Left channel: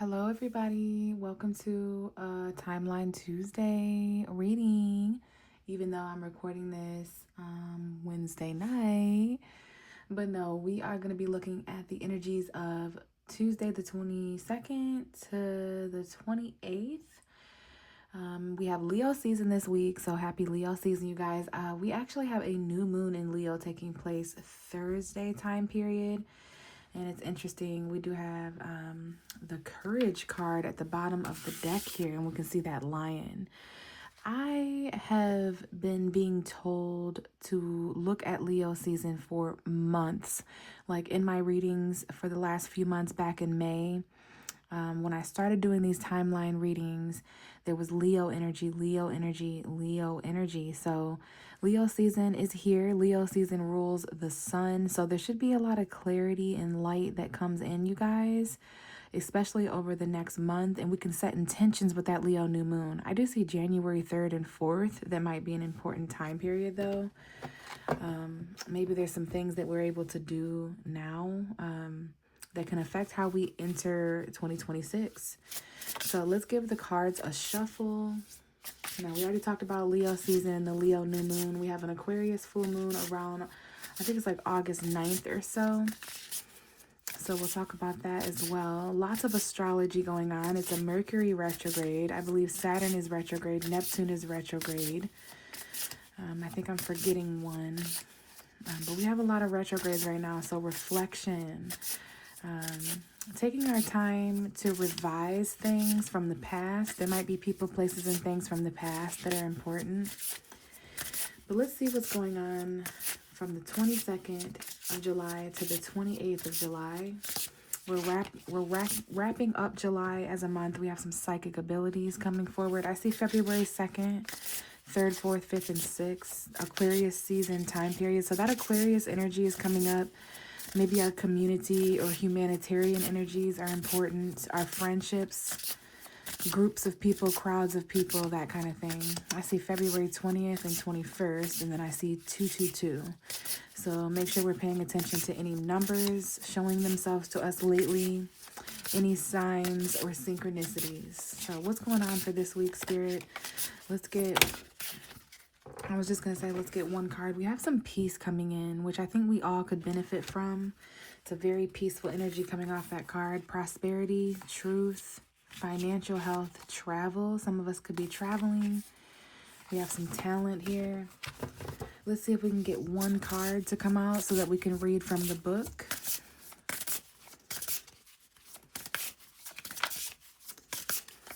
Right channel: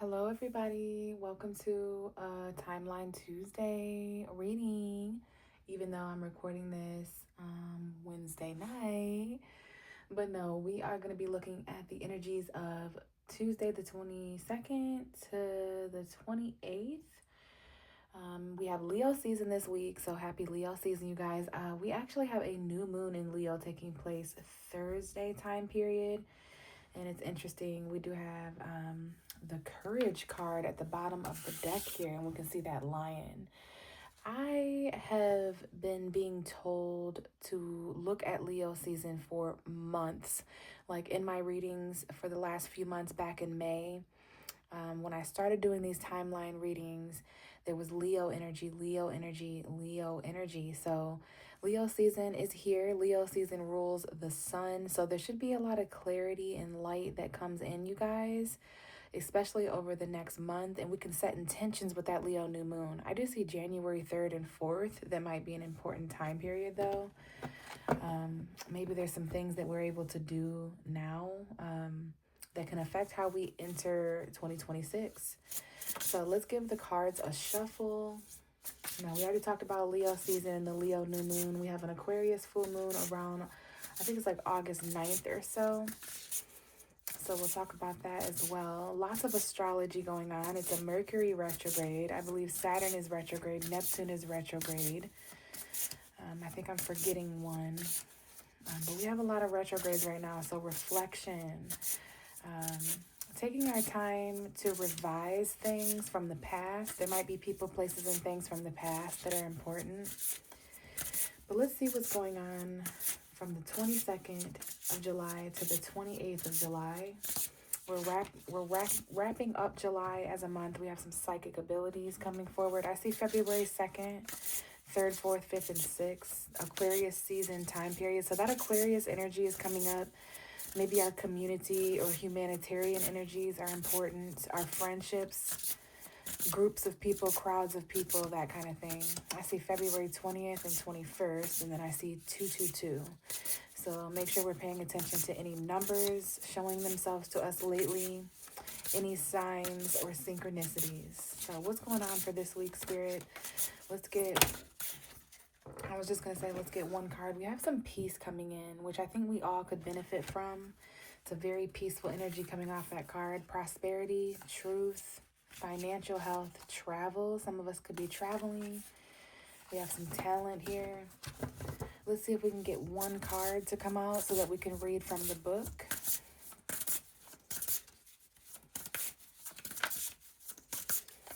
Hello, everybody. Welcome to Timeline Tuesday reading. Even though I'm recording this Wednesday night, but no, we are going to be looking at the energies of Tuesday, the 22nd to the 28th. We have Leo season this week, so happy Leo season, you guys. We actually have a new moon in Leo taking place Thursday time period. And it's interesting, we do have the Courage card at the bottom of the deck here, and we can see that lion. I have been being told to look at Leo season for months. Like in my readings for the last few months back in May, when I started doing these timeline readings, there was Leo energy, Leo energy, Leo energy. So Leo season is here. Leo season rules the sun. So there should be a lot of clarity and light that comes in, you guys, especially over the next month. And we can set intentions with that Leo new moon. I do see January 3rd and 4th. That might be an important time period, though. Maybe there's some things that we're able to do now that can affect how we enter 2026. So let's give the cards a shuffle. Now, we already talked about Leo season, the Leo new moon. We have an Aquarius full moon around, I think it's like August 9th or so. So we'll talk about that as well. Lots of astrology going on. It's a Mercury retrograde. I believe Saturn is retrograde. Neptune is retrograde. I think I'm forgetting one. But we have a lot of retrogrades right now. So reflection. Taking our time to revise things from the past. There might be people, places, and things from the past that are important. But let's see what's going on from the 22nd of July to the 28th of July. We're wrapping up July as a month. We have some psychic abilities coming forward. I see February 2nd, 3rd, 4th, 5th, and 6th. Aquarius season time period. So that Aquarius energy is coming up. Maybe our community or humanitarian energies are important. Our friendships, groups of people, crowds of people, that kind of thing. I see February 20th and 21st, and then I see 222. So make sure we're paying attention to any numbers showing themselves to us lately, any signs or synchronicities. So what's going on for this week, Spirit? Let's get one card. We have some peace coming in, which I think we all could benefit from. It's a very peaceful energy coming off that card. Prosperity, truth, financial health, travel. Some of us could be traveling. We have some talent here. Let's see if we can get one card to come out so that we can read from the book.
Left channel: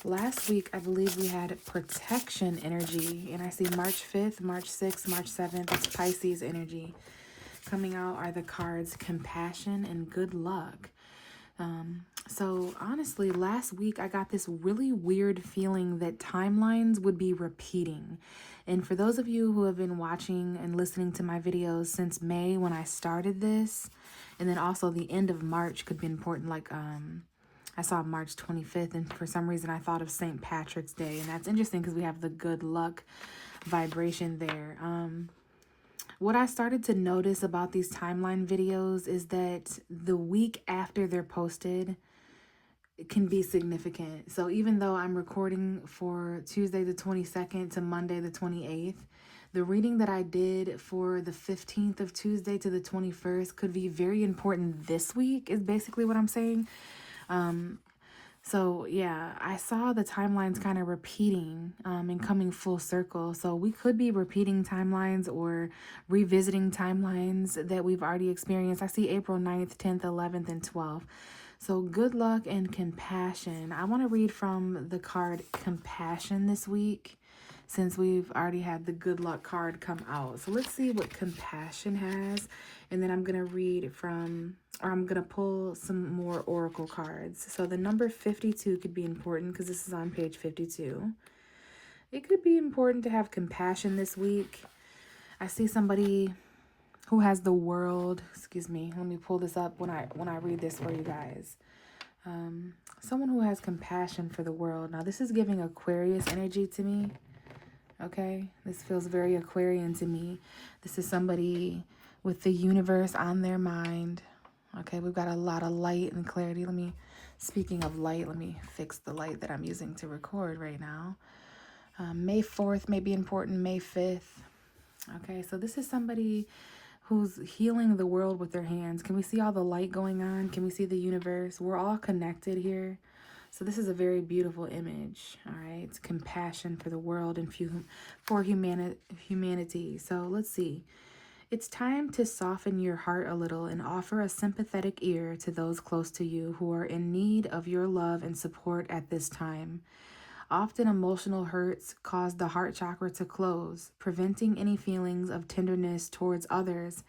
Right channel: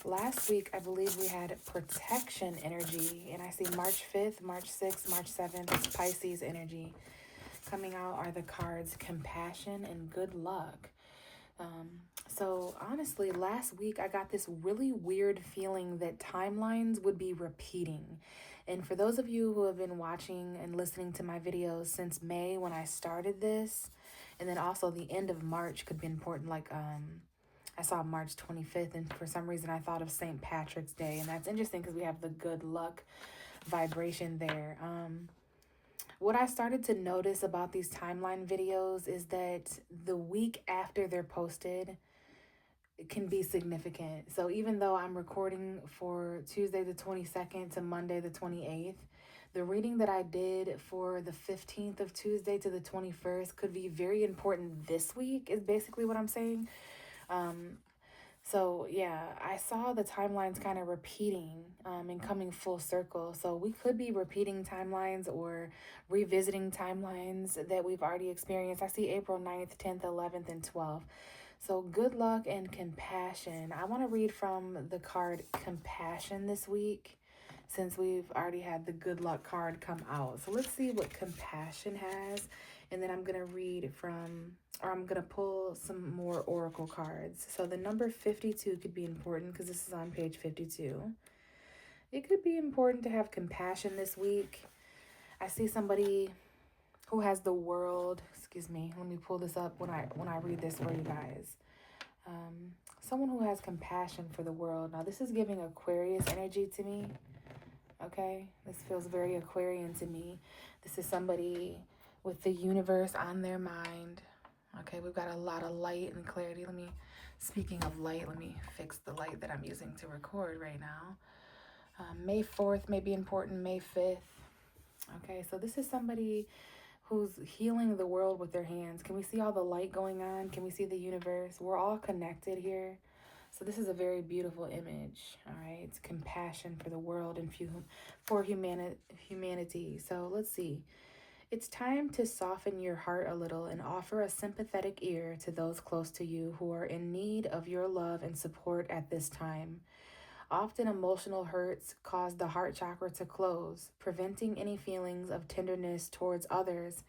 Last week, I believe we had protection energy, and I see March 5th, March 6th, March 7th. It's Pisces energy. Coming out are the cards compassion and good luck. So honestly, last week I got this really weird feeling that timelines would be repeating. And for those of you who have been watching and listening to my videos since May when I started this, and then also the end of March could be important, like I saw March 25th, and for some reason I thought of St. Patrick's Day, and that's interesting because we have the good luck vibration there. What I started to notice about these timeline videos is that the week after they're posted can be significant. So even though I'm recording for Tuesday the 22nd to Monday the 28th, the reading that I did for the 15th of Tuesday to the 21st could be very important this week, is basically what I'm saying. So yeah, I saw the timelines kind of repeating and coming full circle. So we could be repeating timelines or revisiting timelines that we've already experienced. I see April 9th, 10th, 11th, and 12th. So good luck and compassion. I want to read from the card compassion this week since we've already had the good luck card come out. So let's see what compassion has. And then I'm going to read from, or I'm going to pull some more oracle cards. So the number 52 could be important because this is on page 52. It could be important to have compassion this week. I see somebody who has the world. Excuse me. Let me pull this up when I read this for you guys. Someone who has compassion for the world. Now this is giving Aquarius energy to me. Okay, this feels very Aquarian to me. This is somebody with the universe on their mind. Okay, we've got a lot of light and clarity. Let me Speaking of light, let me fix the light that I'm using to record right now. May 4th may be important, May 5th. Okay, so this is somebody who's healing the world with their hands. Can we see all the light going on? Can we see the universe? We're all connected here. So this is a very beautiful image, all right? It's compassion for the world and for humanity. So let's see. It's time to soften your heart a little and offer a sympathetic ear to those close to you who are in need of your love and support at this time. Often emotional hurts cause the heart chakra to close, preventing any feelings of tenderness towards others.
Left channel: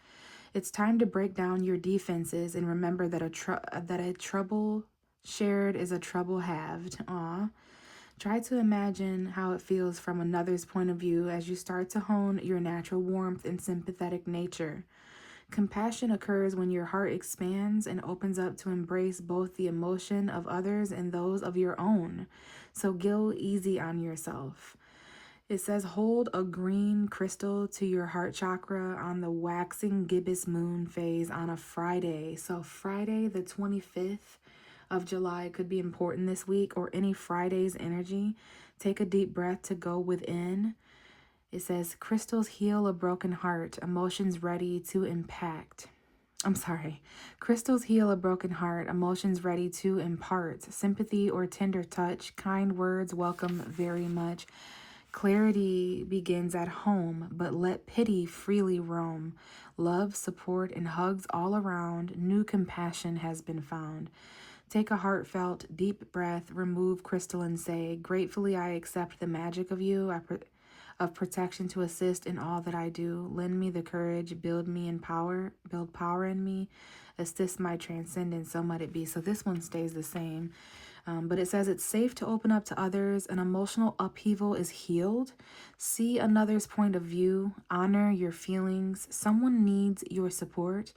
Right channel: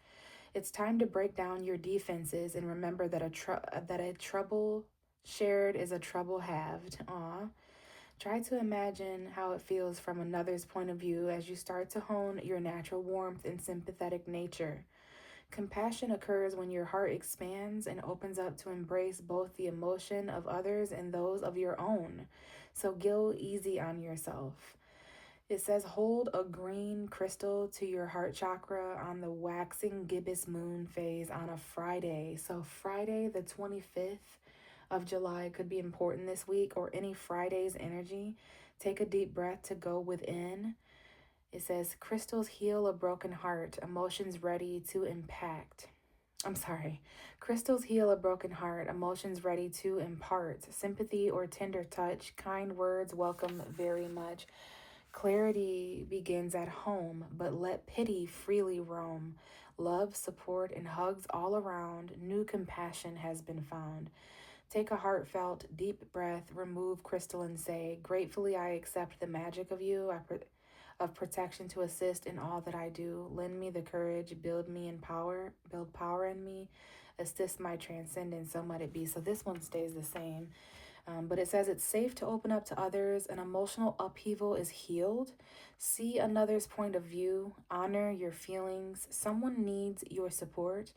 It's time to break down your defenses and remember that a trouble shared is a trouble halved. Try to imagine how it feels from another's point of view as you start to hone your natural warmth and sympathetic nature. Compassion occurs when your heart expands and opens up to embrace both the emotion of others and those of your own. So go easy on yourself. It says hold a green crystal to your heart chakra on the waxing gibbous moon phase on a Friday. So Friday the 25th of July could be important this week, or any Friday's energy. Take a deep breath to go within. It says crystals heal a broken heart, emotions ready to impact. Crystals heal a broken heart, emotions ready to impart. Sympathy or tender touch, kind words welcome very much. Clarity begins at home, but let pity freely roam. Love, support, and hugs all around. New compassion has been found. Take a heartfelt, deep breath, remove crystal and say, gratefully I accept the magic of you, of protection to assist in all that I do. Lend me the courage, build power in me, assist my transcendence, so might it be. So this one stays the same. But it says it's safe to open up to others. An emotional upheaval is healed. See another's point of view. Honor your feelings. Someone needs your support.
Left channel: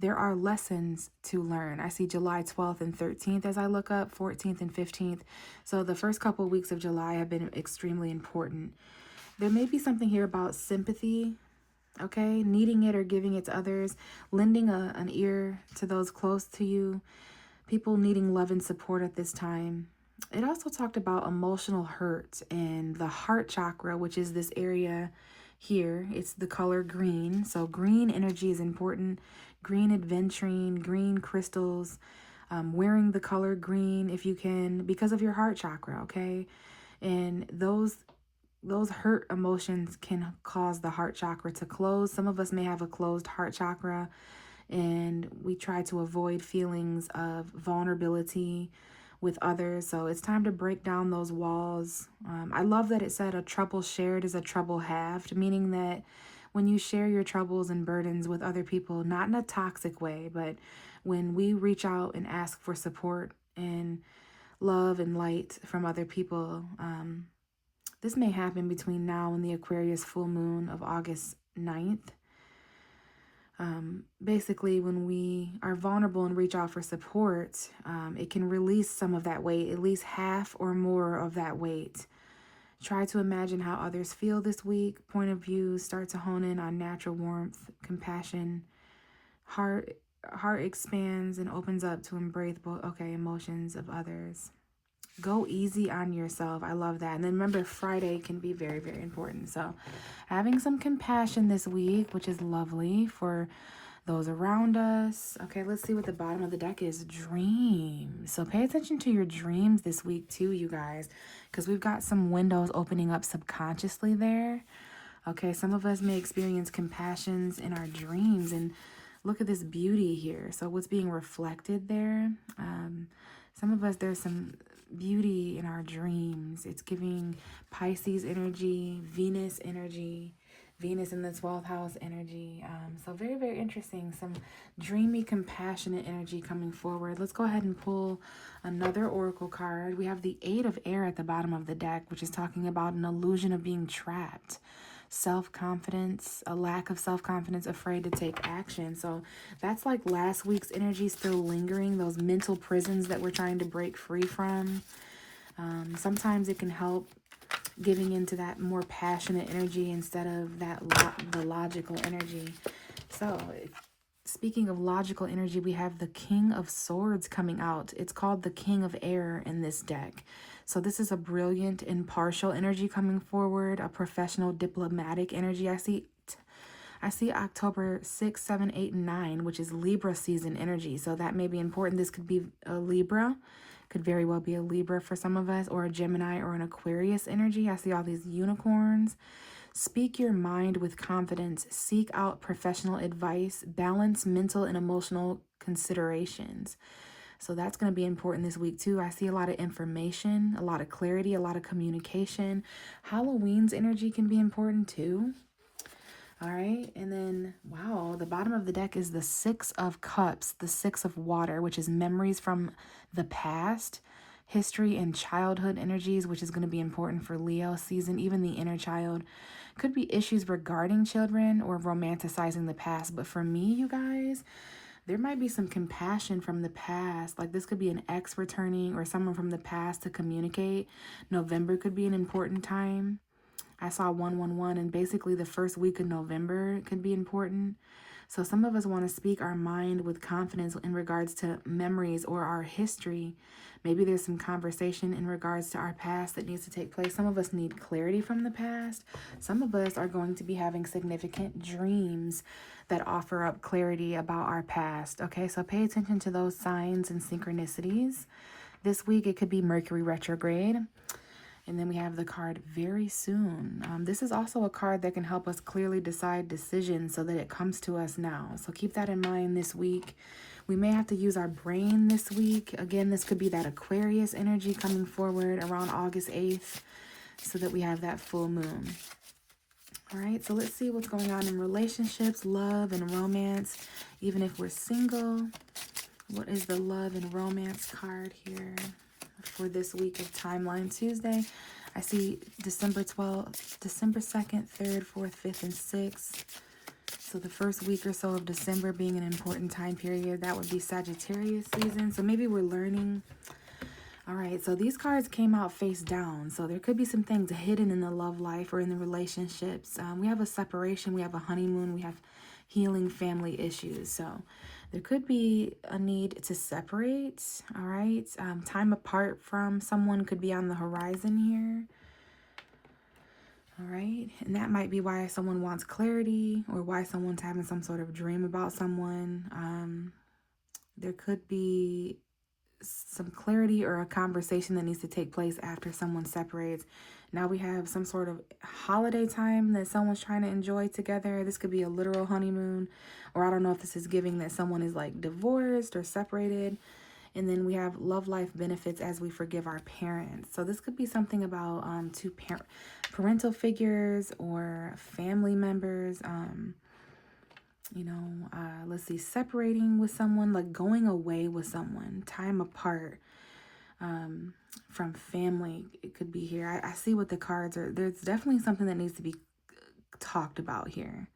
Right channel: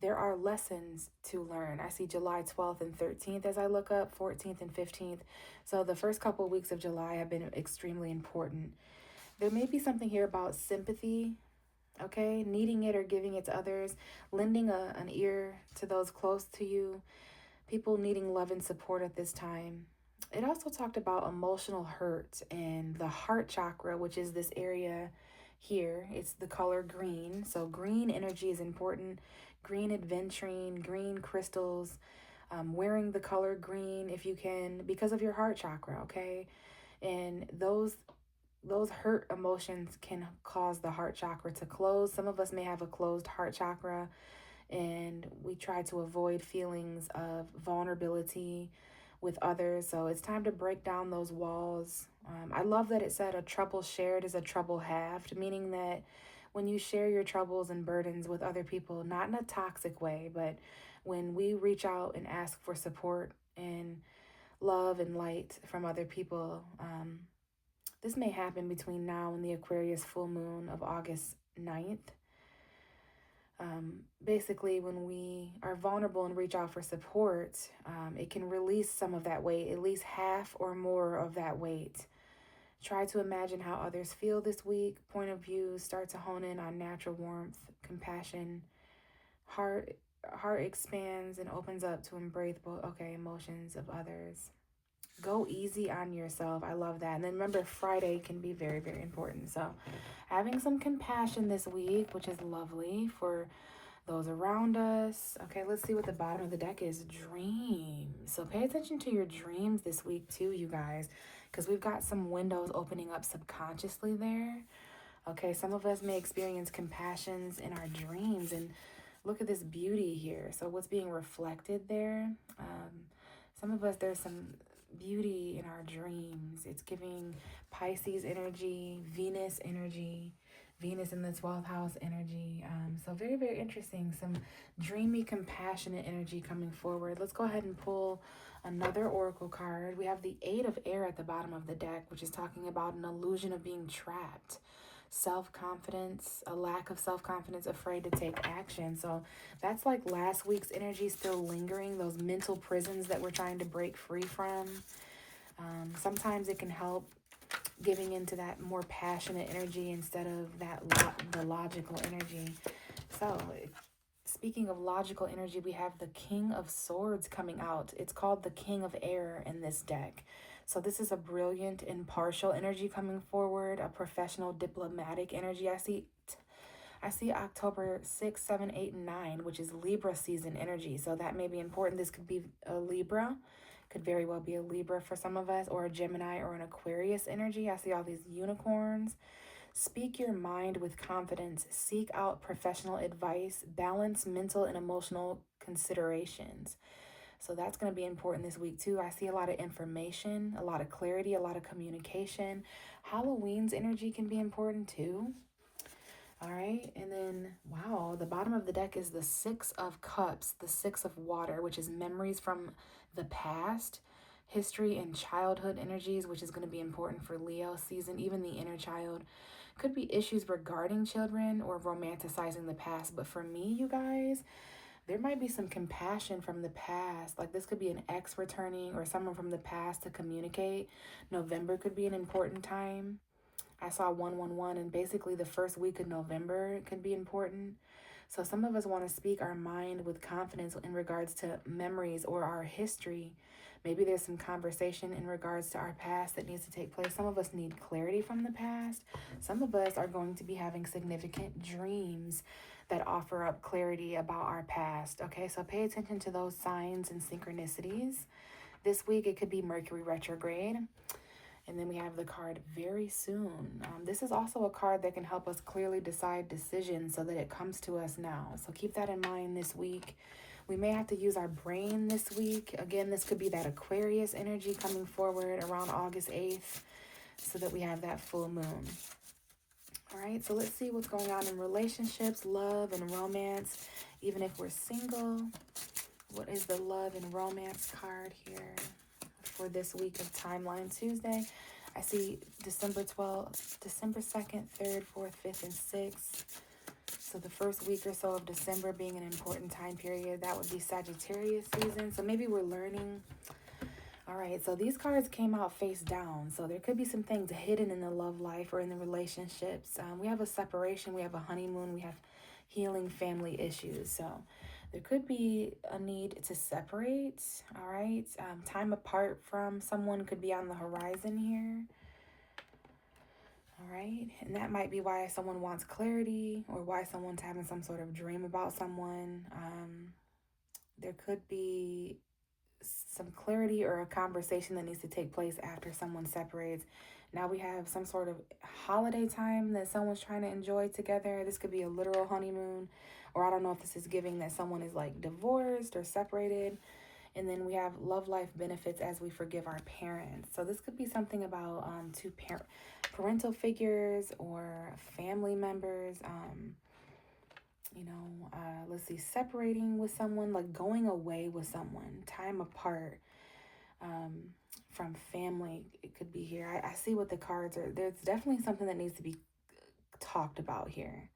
There are lessons to learn. I see July 12th and 13th as I look up, 14th and 15th. So the first couple of weeks of July have been extremely important. There may be something here about sympathy, okay? Needing it or giving it to others, lending an ear to those close to you, people needing love and support at this time. It also talked about emotional hurt and the heart chakra, which is this area here. It's the color green. So green energy is important. Green adventuring, green crystals, wearing the color green if you can, because of your heart chakra, okay? And those hurt emotions can cause the heart chakra to close. Some of us may have a closed heart chakra, and we try to avoid feelings of vulnerability with others. So it's time to break down those walls. I love that it said a trouble shared is a trouble halved, meaning that when you share your troubles and burdens with other people, not in a toxic way, but when we reach out and ask for support and love and light from other people, this may happen between now and the Aquarius full moon of August 9th. Basically, when we are vulnerable and reach out for support, it can release some of that weight, at least half or more of that weight. Try to imagine how others feel this week. Point of view, start to hone in on natural warmth, compassion. Heart expands and opens up to embrace emotions of others. Go easy on yourself. I love that. And then remember, Friday can be very, very important. So having some compassion this week, which is lovely for those around us. Okay, let's see what the bottom of the deck is. Dreams. So pay attention to your dreams this week too, you guys, because we've got some windows opening up subconsciously there. Okay, some of us may experience compassions in our dreams, and look at this beauty here. So what's being reflected there? Some of us, there's some beauty in our dreams. It's giving Pisces energy, Venus energy, Venus in the 12th house energy. So very, very interesting. Some dreamy, compassionate energy coming forward. Let's go ahead and pull another oracle card. We have the 8 of air at the bottom of the deck, which is talking about an illusion of being trapped. Self-confidence, a lack of self-confidence, afraid to take action. So that's like last week's energy still lingering, those mental prisons that we're trying to break free from. Sometimes it can help giving into that more passionate energy instead of the logical energy. So speaking of logical energy, we have the King of Swords coming out. It's called the King of Air in this deck. So this is a brilliant, impartial energy coming forward, a professional, diplomatic energy. I see October 6, 7, 8, and 9, which is Libra season energy. So that may be important. This could be a Libra. Could very well be a Libra for some of us, or a Gemini or an Aquarius energy. I see all these unicorns. Speak your mind with confidence. Seek out professional advice. Balance mental and emotional considerations. So that's going to be important this week too. I see a lot of information, a lot of clarity, a lot of communication. Halloween's energy can be important too. All right, and then, wow, the bottom of the deck is the Six of Cups, the Six of Water, which is memories from the past, history and childhood energies, which is going to be important for Leo season, even the inner child. Could be issues regarding children or romanticizing the past. But for me, you guys, there might be some compassion from the past. Like this could be an ex returning or someone from the past to communicate. November could be an important time. I saw 111, and basically the first week of November could be important. So some of us want to speak our mind with confidence in regards to memories or our history. Maybe there's some conversation in regards to our past that needs to take place. Some of us need clarity from the past. Some of us are going to be having significant dreams that offer up clarity about our past. Okay, so pay attention to those signs and synchronicities. This week it could be Mercury retrograde. And then we have the card very soon. This is also a card that can help us clearly decide decisions so that it comes to us now. So keep that in mind this week. We may have to use our brain this week. Again, this could be that Aquarius energy coming forward around August 8th so that we have that full moon. All right, so let's see what's going on in relationships, love, and romance. Even if we're single, what is the love and romance card here for this week of Timeline Tuesday? I see December 12th, December 2nd, 3rd, 4th, 5th, and 6th. So the first week or so of December being an important time period, that would be Sagittarius season. So maybe we're learning. All right, so these cards came out face down. So there could be some things hidden in the love life or in the relationships. We have a separation, we have a honeymoon, we have healing family issues. So there could be a need to separate, all right? Time apart from someone could be on the horizon here. All right, and that might be why someone wants clarity or why someone's having some sort of dream about someone. There could be some clarity or a conversation that needs to take place after someone separates. Now we have some sort of holiday time that someone's trying to enjoy together. This could be a literal honeymoon, or I don't know if this is giving that someone is like divorced or separated. And then we have love life benefits as we forgive our parents. So this could be something about two parental figures or family members, let's see, separating with someone, like going away with someone, time apart from family. It could be here. I see what the cards are. There's definitely something that needs to be talked about here.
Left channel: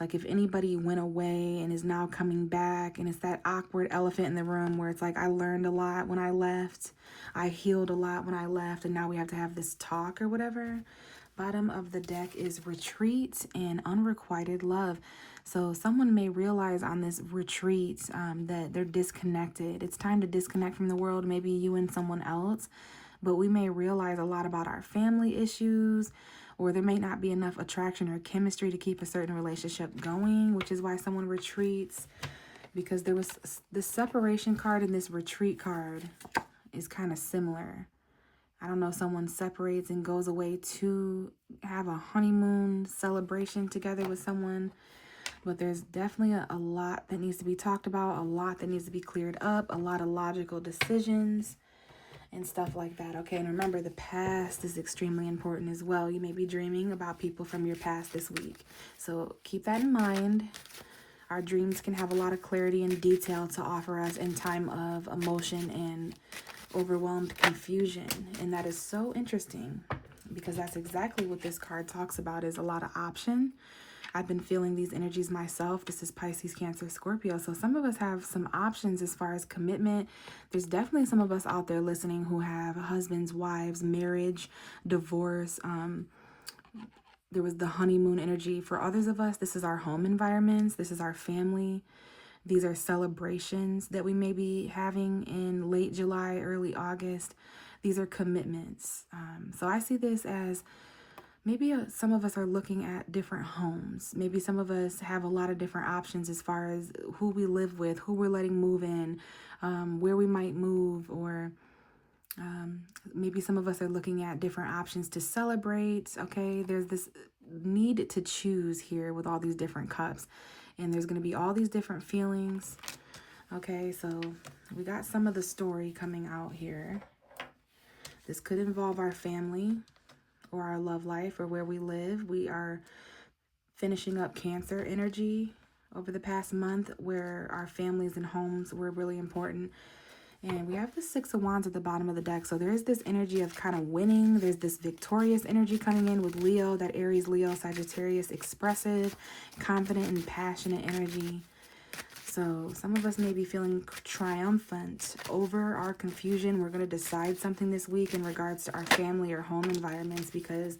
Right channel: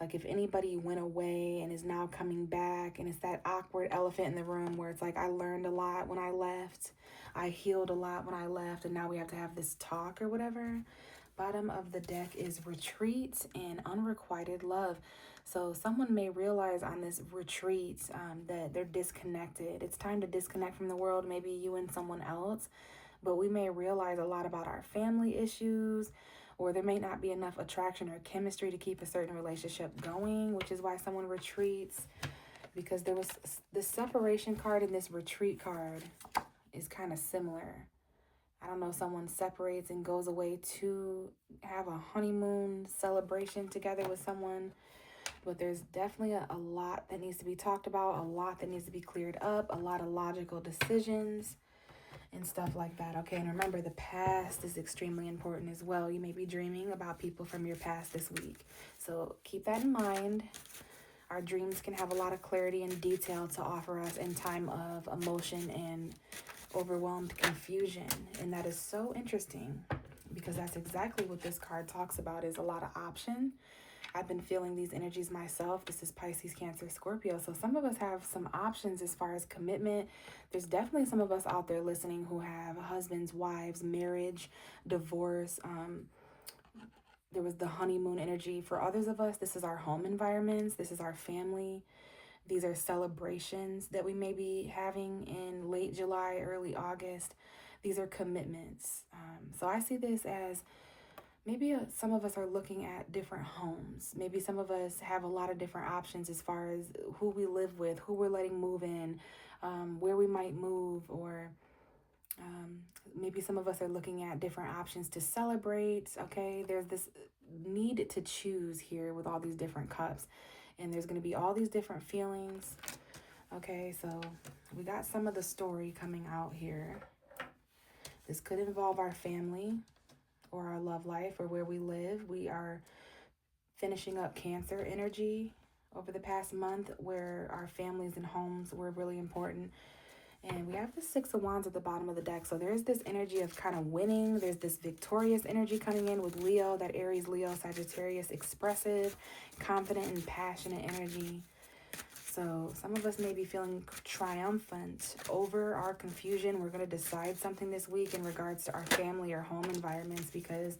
Like if anybody went away and is now coming back, and it's that awkward elephant in the room where it's like, I learned a lot when I left. I healed a lot when I left, and now we have to have this talk or whatever. Bottom of the deck is retreat and unrequited love. So someone may realize on this retreat that they're disconnected. It's time to disconnect from the world, maybe you and someone else. But we may realize a lot about our family issues, or there may not be enough attraction or chemistry to keep a certain relationship going, which is why someone retreats. Because there was the separation card and this retreat card is kind of similar. I don't know, someone separates and goes away to have a honeymoon celebration together with someone. But there's definitely a lot that needs to be talked about, a lot that needs to be cleared up, a lot of logical decisions and stuff like that. Okay, and remember, the past is extremely important as well. You may be dreaming about people from your past this week. So keep that in mind. Our dreams can have a lot of clarity and detail to offer us in time of emotion and overwhelmed confusion. And that is so interesting because that's exactly what this card talks about, is a lot of option. I've been feeling these energies myself. This is Pisces, Cancer, Scorpio. So some of us have some options as far as commitment. There's definitely some of us out there listening who have husbands, wives, marriage, divorce. There was the honeymoon energy. For others of us, this is our home environments. This is our family. These are celebrations that we may be having in late July, early August. These are commitments. So I see this as maybe some of us are looking at different homes. Maybe some of us have a lot of different options as far as who we live with, who we're letting move in, where we might move, or maybe some of us are looking at different options to celebrate. Okay, there's this need to choose here with all these different cups, and there's going to be all these different feelings. Okay, so we got some of the story coming out here. This could involve our family or our love life or where we live. We are finishing up Cancer energy over the past month, where our families and homes were really important. And we have the Six of Wands at the bottom of the deck. So there's this energy of kind of winning. There's this victorious energy coming in with Leo, that Aries, Leo, Sagittarius, expressive, confident, and passionate energy. So some of us may be feeling triumphant over our confusion. We're going to decide something this week in regards to our family or home environments, because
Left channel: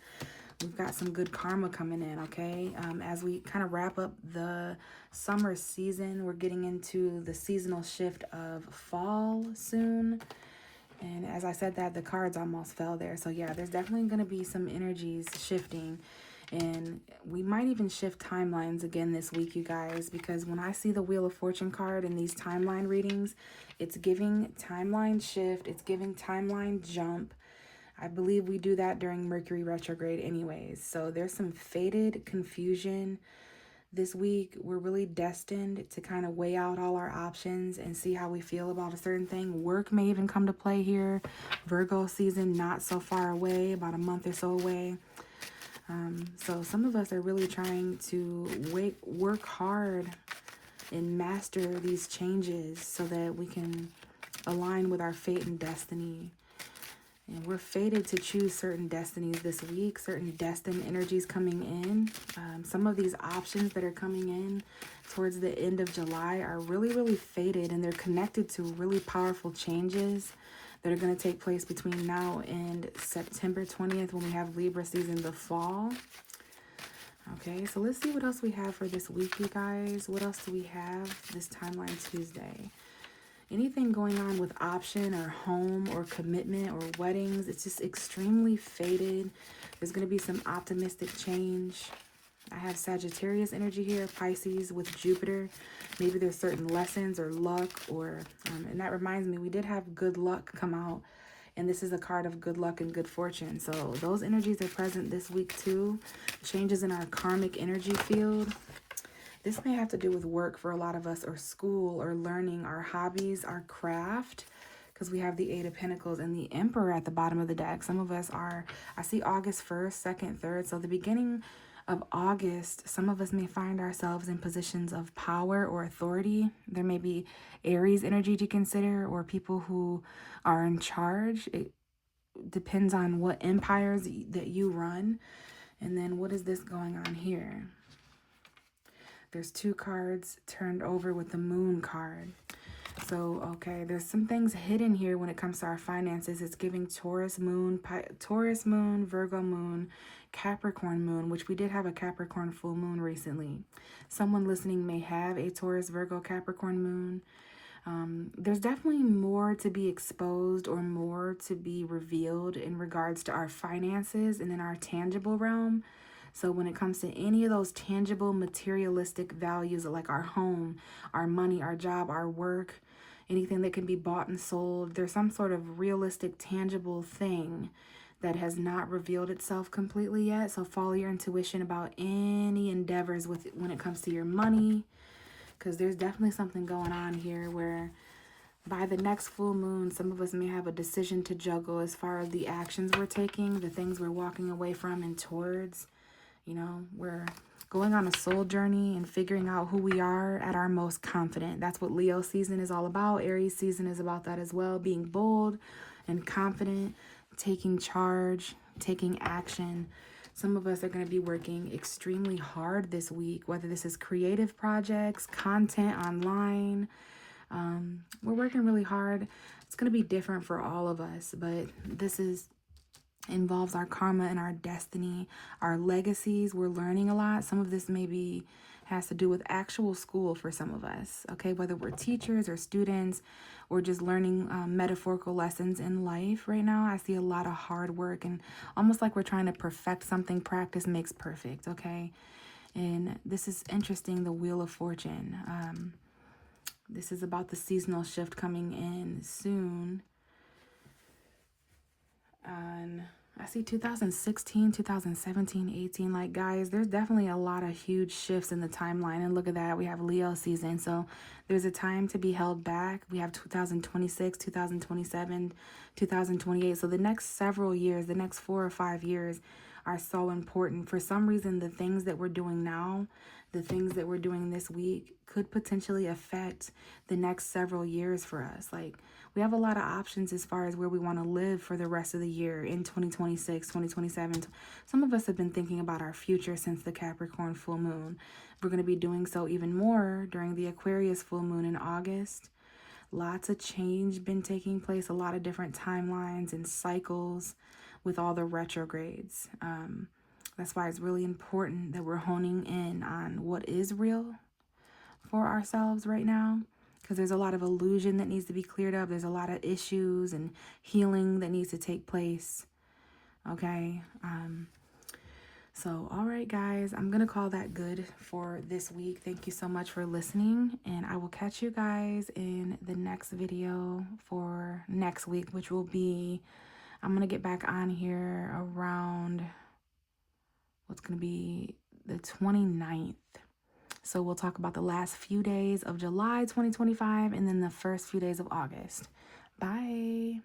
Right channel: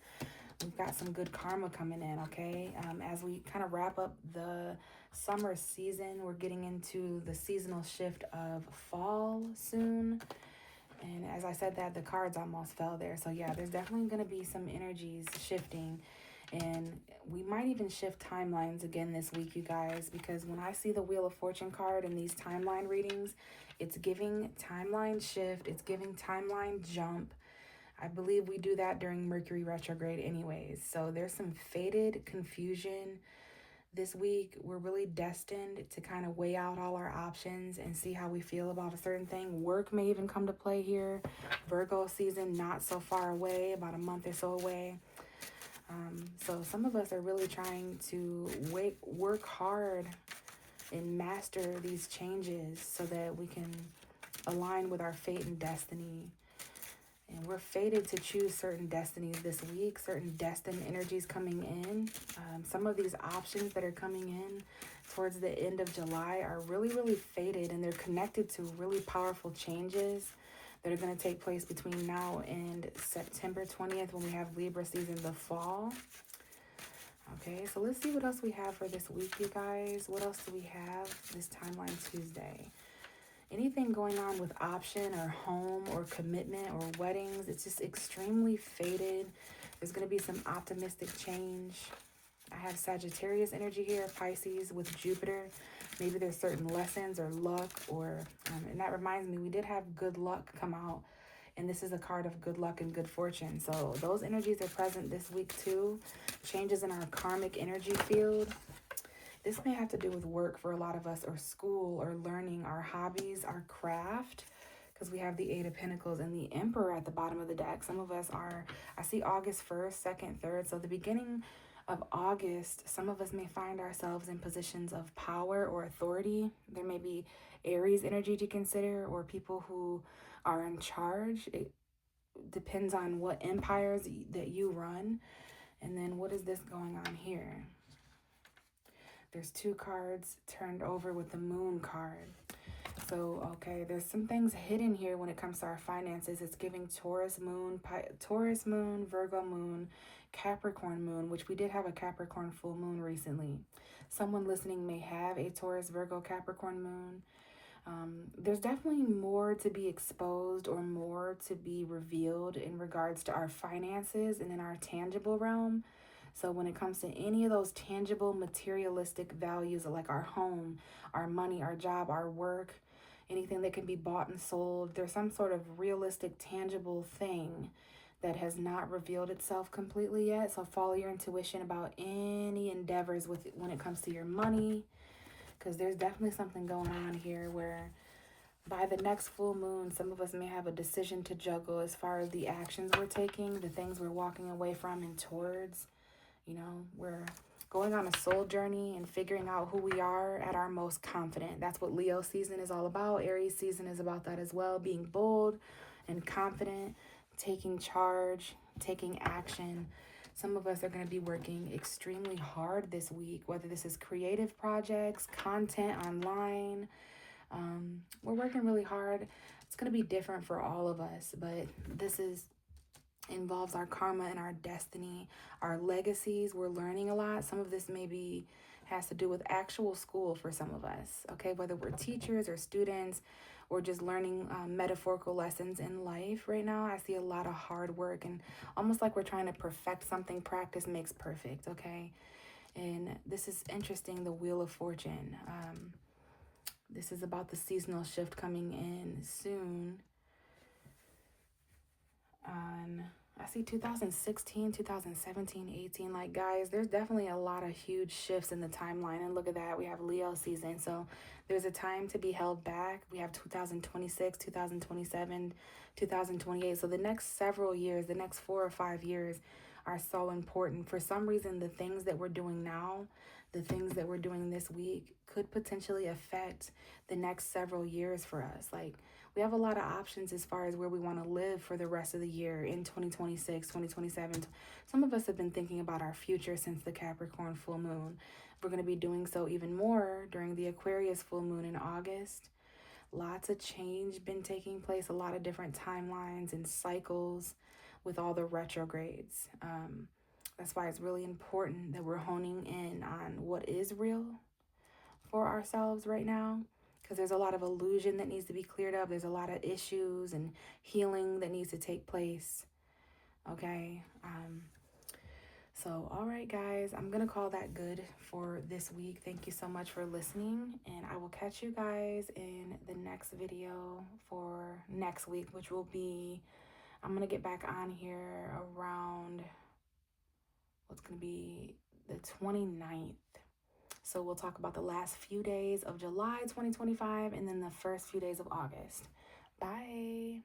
we've got some good karma coming in, okay? As we kind of wrap up the summer season, we're getting into the seasonal shift of fall soon. And as I said that, the cards almost fell there. So yeah, there's definitely going to be some energies shifting. And we might even shift timelines again this week, you guys, because when I see the Wheel of Fortune card in these timeline readings, it's giving timeline shift. It's giving timeline jump. I believe we do that during Mercury retrograde anyways. So there's some faded confusion this week. We're really destined to kind of weigh out all our options and see how we feel about a certain thing. Work may even come to play here. Virgo season not so far away, about a month or so away. So some of us are really trying to work hard and master these changes so that we can align with our fate and destiny. And we're fated to choose certain destinies this week, certain destined energies coming in. Some of these options that are coming in towards the end of July are really, really fated, and they're connected to really powerful changes that are going to take place between now and September 20th, when we have Libra season, the fall. Okay, so let's see what else we have for this week, you guys. What else do we have this Timeline Tuesday? Anything going on with option or home or commitment or weddings, it's just extremely faded. There's going to be some optimistic change. I have Sagittarius energy here, Pisces with Jupiter. Maybe there's certain lessons or luck, or and that reminds me, we did have good luck come out, and this is a card of good luck and good fortune. So those energies are present this week too. Changes in our karmic energy field. This may have to do with work for a lot of us, or school, or learning, our hobbies, our craft, because we have the Eight of Pentacles and the Emperor at the bottom of the deck. Some of us are, I see August 1st, 2nd, 3rd. So the beginning of August, some of us may find ourselves in positions of power or authority. There may be Aries energy to consider, or people who are in charge. It depends on what empires that you run. And then what is this going on here? There's two cards turned over with the Moon card. So, okay, there's some things hidden here when it comes to our finances. It's giving Taurus moon, Virgo moon, Capricorn moon, which we did have a Capricorn full moon recently. Someone listening may have a Taurus, Virgo, Capricorn moon. There's definitely more to be exposed or more to be revealed in regards to our finances and in our tangible realm. So when it comes to any of those tangible materialistic values, like our home, our money, our job, our work, anything that can be bought and sold, there's some sort of realistic, tangible thing that has not revealed itself completely yet. So follow your intuition about any endeavors when it comes to your money, because there's definitely something going on here where by the next full moon, some of us may have a decision to juggle as far as the actions we're taking, the things we're walking away from and towards. You know, we're going on a soul journey and figuring out who we are at our most confident. That's what Leo season is all about. Aries season is about that as well. Being bold and confident, taking charge, taking action. Some of us are going to be working extremely hard this week, whether this is creative projects, content online. We're working really hard. It's going to be different for all of us, but this involves our karma and our destiny, our legacies. We're learning a lot. Some of this may be has to do with actual school for some of us, okay? Whether we're teachers or students or just learning metaphorical lessons in life right now, I see a lot of hard work and almost like we're trying to perfect something. Practice makes perfect, okay? And this is interesting, the Wheel of Fortune. This is about the seasonal shift coming in soon. And I see 2016, 2017, 18. Like, guys, there's definitely a lot of huge shifts in the timeline. And look at that. We have Leo season. So there's a time to be held back. We have 2026, 2027, 2028. So the next several years, the next 4 or 5 years are so important. For some reason, the things that we're doing now, the things that we're doing this week could potentially affect the next several years for us. Like, we have a lot of options as far as where we want to live for the rest of the year in 2026, 2027. Some of us have been thinking about our future since the Capricorn full moon. We're going to be doing so even more during the Aquarius full moon in August. Lots of change been taking place, a lot of different timelines and cycles with all the retrogrades. That's why it's really important that we're honing in on what is real for ourselves right now, because there's a lot of illusion that needs to be cleared up. There's a lot of issues and healing that needs to take place. Okay. So, all right, guys, I'm going to call that good for this week. Thank you so much for listening, and I will catch you guys in the next video for next week, which will be, I'm going to get back on here around, what's going to be the 29th. So we'll talk about the last few days of July 2025 and then the first few days of August. Bye.